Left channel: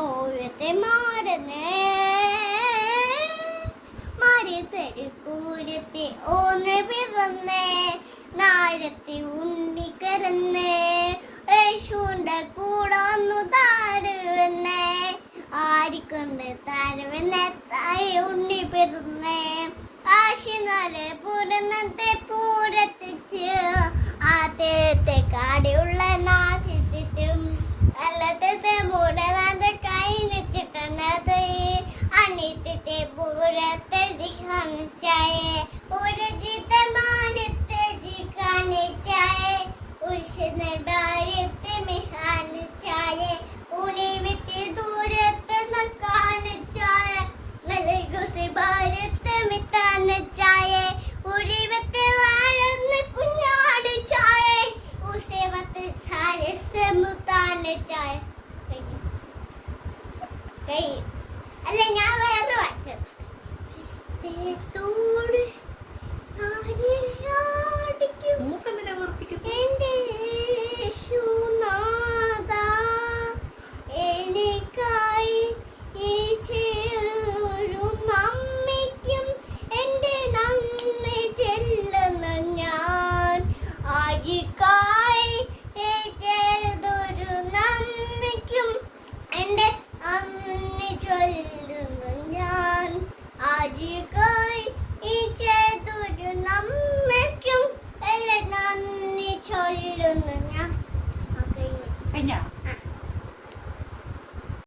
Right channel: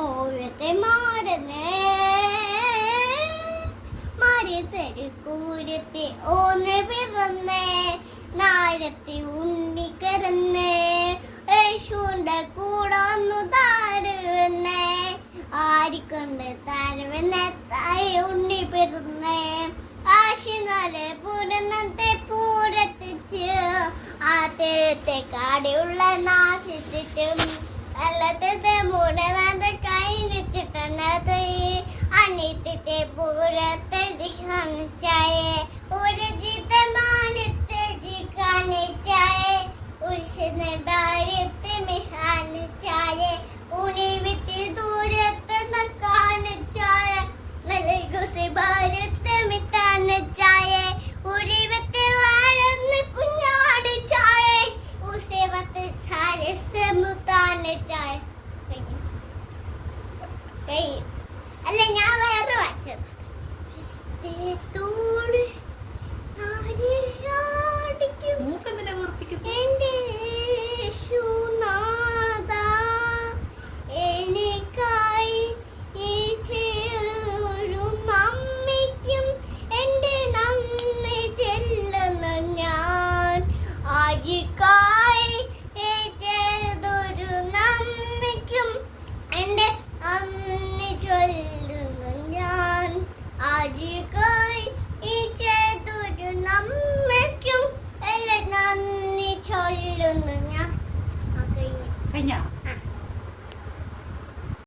ഓരത്തെ മാറനേ മാറി തെരുക്കൂരത്തെ ഓന്ന് പിറന്നേ നാരത്തെ ഉണ്ണിക്കരന്നേ യേശുവിന്റെ കൂടൊന്നു താരുവന്നേ ആരിക്കൊണ്ട് താരുവന്നെ തായി ഉണ്ണി പിറന്നേ ആശിനാലെ പൂരന്നത്തെ പൂരത്തിച്ച് ആദ്യത്തെ കാടിയുള്ള നാശിച്ചിട്ടും അല്ലത്തെ മൂടനാന്റെ കൈ നിച്ചിട്ടത് അനിയത്തെ പൂരത്തെ ദിഖാനിച്ചായേ ഒരു ജിതമാനത്തെ ജിഖാനിച്ചായേ ഉസ്നെ ഭാര്യത്തെ മിഹാനിച്ചായേ ഉണിവിത്തി ദൂരത്തെ നക്കാനിച്ചായേ നൽകുസി ഭാര്യത്തെ മിത്താനിച്ചായേ ഉരിവത്തെ വാഴന്ന് കുഞ്ഞാടിച്ചായേ ഉസേവത്തെ ചാരിസ് മുത്താനിച്ചായേ അല്ല ഞാൻ വേറെ വായിച്ചത് എനിക്കായി ഈ ചേരും അമ്മയ്ക്കും എന്റെ നന്ദി ചെല്ലുന്നു ഞാൻ ആയിക്കായി ഈ ചെയ്തൊരു നന്ദിക്കും എന്റെ നന്ദി ചൊല്ലുന്നു ഞാൻ ആജിക്കായി ഈ ചെയ്തൊരു നമ്മയ്ക്കും എല്ലാം നന്ദി ചൊല്ലുന്നു ഞാൻ.